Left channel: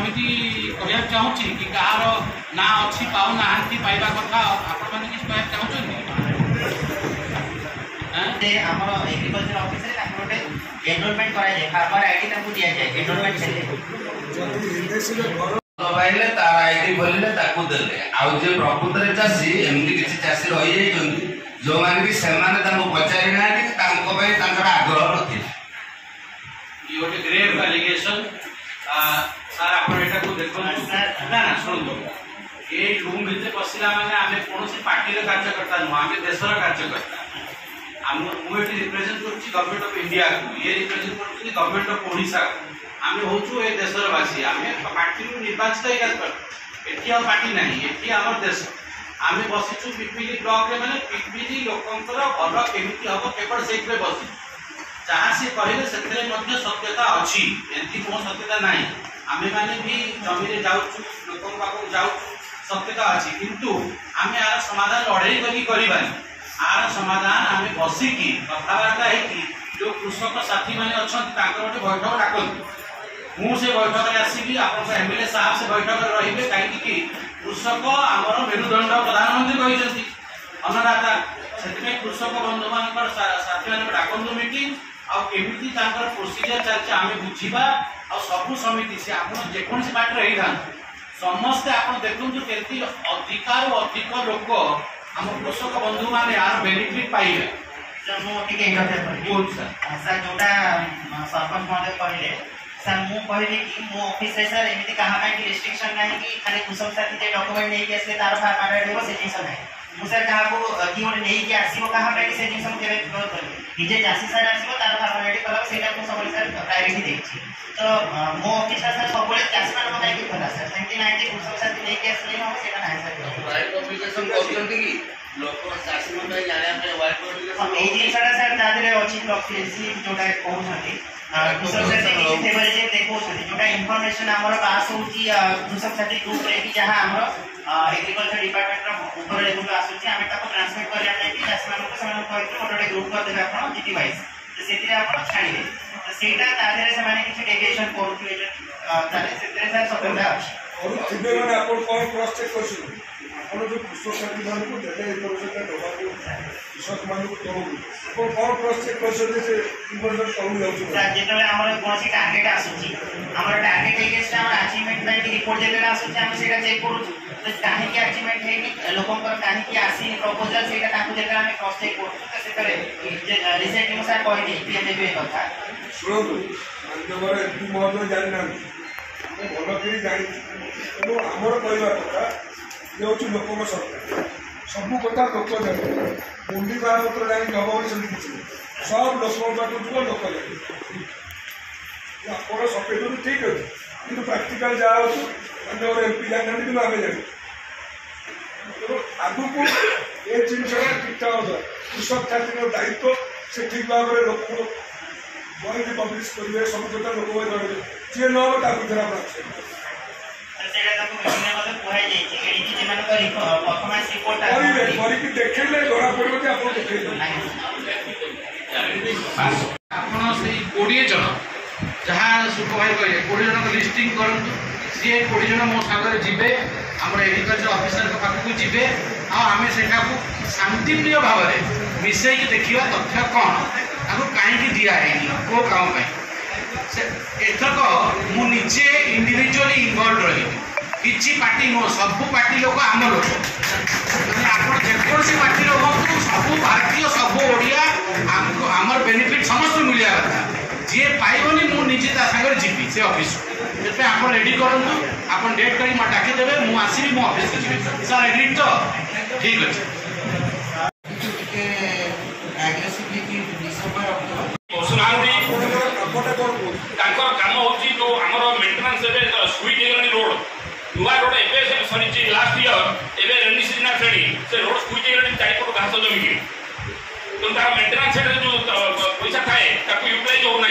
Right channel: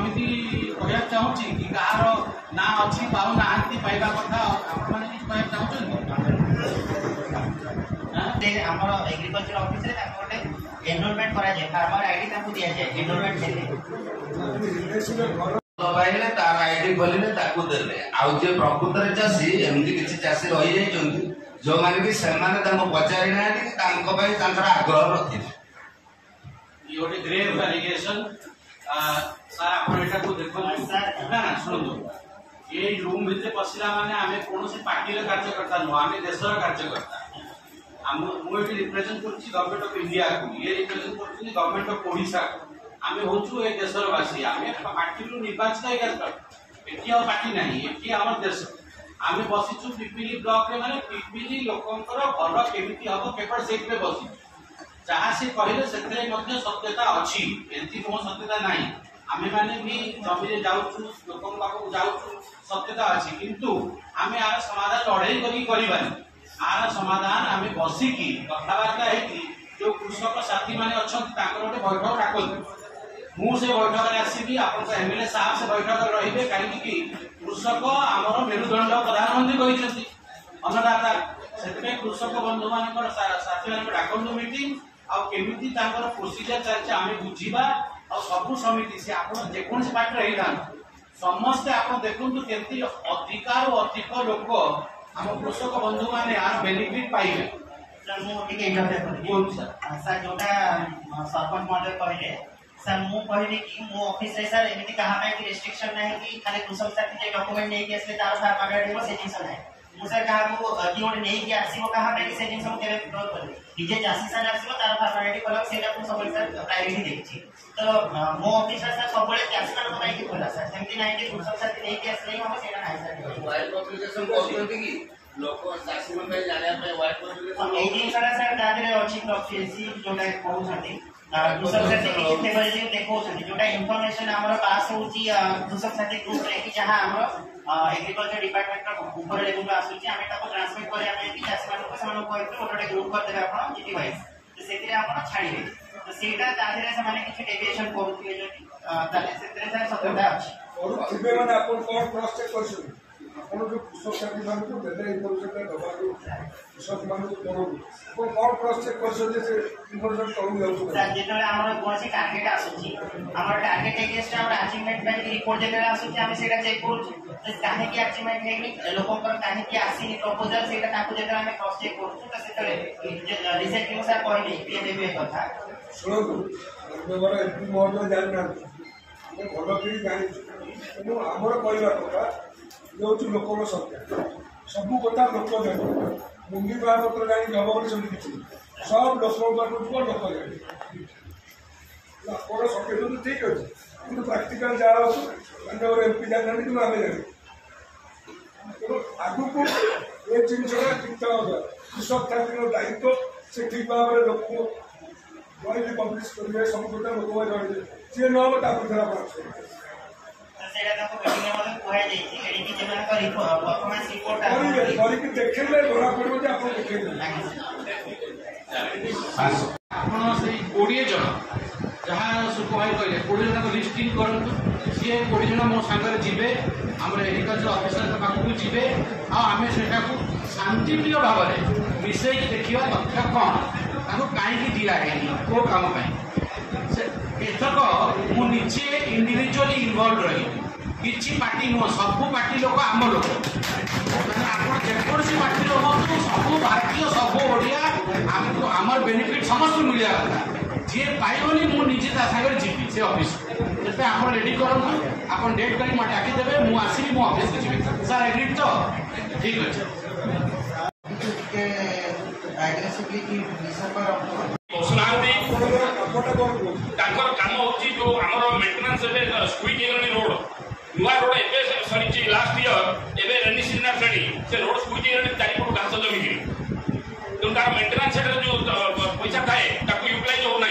समिति कहना चाहूँगी कि कहार ना अच्छी पाऊना पाइबा कथा आप कहना चाहते आमर एग्रीकल्चर ऑफिस रे गोटे एनरोलमेंट करा जाए फार्मर आईडी ताकू दिया जाए एनरोलमेंट लगाइले तार आईडी भरले ताकू देले आउ जे प्रकृत रे चासी एमती किछि चासी रहि जाई जंती जो माने कि सेमाने ताको पचारि ना कि ताको पय ताकर आग्रह रखि ये गोटे ग्रेव एलिगेशन सर आपण एटा को देखो ना ना सुनो ये रूम भितर पसिला माने आमे कोनोसी पार्टी रे कार्यकर्ता न आमे देशर कार्यकर्ता हम मुएटी रिप्रेजेंट करछि गवर्नमेंट ऑफ इंडिया को ये रिप्रेजेंट करछि गवर्नमेंट ऑफ ओडिशा आमे होछु ए देशर वासी आमे पार्टी रो निर्वाचित एकर एठी और पार्टी नहीं एठी हमर देश आमे बसिछु पिपिली ब्लॉक रे माने पिपिली लोकंकर घर केमिति हबो केवल सेट रे बसि जहाँ से कहले सेथरे मध्ये सत्यता अछि एंती को सत्यता नाही आमे माने भी जमी रे जाउछु लोकन पाखो जाउछु सत्यता अछि किंतु आमे आर समाधान लड़ाई करी करबानी आर समाधान आमे बसी की कथावार्ता है कि जो कृषक साथी माने अछन ताकर गोटे बैठक डाकन मु से बैठक रे आसीबी आपन एमएलए साहब से बैठक रे रहिबे काई कि कृषक हमर मेरुदंड प्रधानमंत्री कहिसंती अन्नदाता सेते कृषक बंधु मानकर साथी माने डाकन मीटिंग आ केमिति तांकर प्रोसीजर चलचे आमे बुझीबा आ सबु समिति से आपन जे कोन से पार्टी रही थान समस्त आपन देखुंतु केति अधिकार अधिक लोक हम कृषक बंधु माने यार बेनिफिट पाइबे सर मो टिके इंटरफेयर कर बोल सर जोटा सरपंच महोदय कहले सर मु कहले कि मो ऑफिस रे सर एमिति कहा का रिस्ट्रिक्शन नाही कि खाली कृषक साथी जे डॉक्यूमेंट नै के असले तार फार्मर देबो से जिंस नाही मु सर कहा को कि ओने नै के आसीबो कहा पे से जिंस हम केबे फ्लोर कर डीजे चासी सर आसीबो तार फॉर्मेलिटी करब सेटा को सब सर प्रायोरिटी देछि तो मो ऑफिस सर सब बळे चासी मान बताइ कि होला सर सेंति नाही कि कृषक साथी नै के असले हम सेटा नाही सर प्राइवेट पब्लिकेशन करछंती कि लोक चासी मन पे जाने पे वाइट पब्लिकेशन ए जिंस सर दादरे अछि प्रोफिसी जोटा कहउछंती कृषक साथी कि फेवरेट देखौछंती जोटा इंफॉर्मेशन हमर पास होछि कृषक साथी ग्रुप रे कि जहां हमर एग्रीकल्चर डिपार्टमेंट रो ऊपर लेवल आसुछि हमें ताको ट्रांसमिट करिया नै कि चासी मान को समान कहै गोटे ग्रुप कर देबे आपण जीटी वाइज तो सेतिरे आपण छाडिबे तो सेटा तादरे से माने किछ डेविएशन करूथिबे ताले सेतिरे सर सबटा अछि और थिबे माने आपण कोन क्रॉस चेक करछु आपण जो कृषक साथी मान को देले इनफॉरमेशन दबा को कृषक मान को तो आपण कोन क्रॉस चेक करछु जे इनफॉरमेशन करू जाउछु सर जेतले हमर कोनसी टारगेट आसुछि हमर टारगेट एगेंस्ट हमर अचीवमेंट बाय रिपोर्ट जेतले आसुछि हम सेटा चेक करूछु तो काहे की अचीवमेंट है कि लोकन पर काहे की आसी प्रपोजल सेटा ताकू जेतले हम क्रॉस चेक करूछु तो सेतले रिसेंट अनुसार कहै दी पीएमबी कथा सुनो माननीय एमपी महोदय जानि ना हम भलो करी जानि तेणु आमर कहवा कथा ये हूँ लोक सरकार सबू कथा लोक जाने मुंडी बारपत्र जाए जब सब किसी सब लोक पाक जीव लोक जाने आप सफेद ठीक अच्छे कि प्राक्टिकाल जहाँ अच्छे माननीय एमपी जाना कि आम जाने तेणु आगू को ये जिनसा ठीक ठाक कृषक छात्री दायित्व से ठीक भाव में लोक बही पब्लिश करेंगे सब कथा लोक जानवे जी न हो देखले धरा पड़े आप आपण से 20 जन जहाँ सुपरवाइजर कहले 20 जन लिस्टिंग करंतु सी 20 जन मो सागर जीवे आम एग्रीकल्चर ऑफिसर पाखक जीवे आम से शांतिप्रिय भाव में मिसईक देखा तथ्य कौन आपको कहीं दिखाई कौ काम एथक मुझे इंडिविजुअली इनवॉल्व रही किसी पार्टी नुह सबू पार्टी लोक आम लोक आप जेकोसी पार्टी हूँ सबू भारतीय सबू ओडिया आमको आमर बेनिफिट समस्त मिलवा कथा जी पाइबनी मुझे सागर जीवी से ऑफिस से आप रेडी करूँ आप डेट कर डाकीदेवे मुझे आसवि मो ऑफिस को जी सर एग्रीड तो ठीक अच्छे काम हो जो आम मेन्टेनान्स स्वीट रोड नुआ रोड एवं सरी लास्ट इयर एवं रेनी सीजन आसानी से रोड स्वीट चारिपट घास जमी तेणु तार मेन्टेनान्स जो पैसा थाए यूटिलाइज हो ना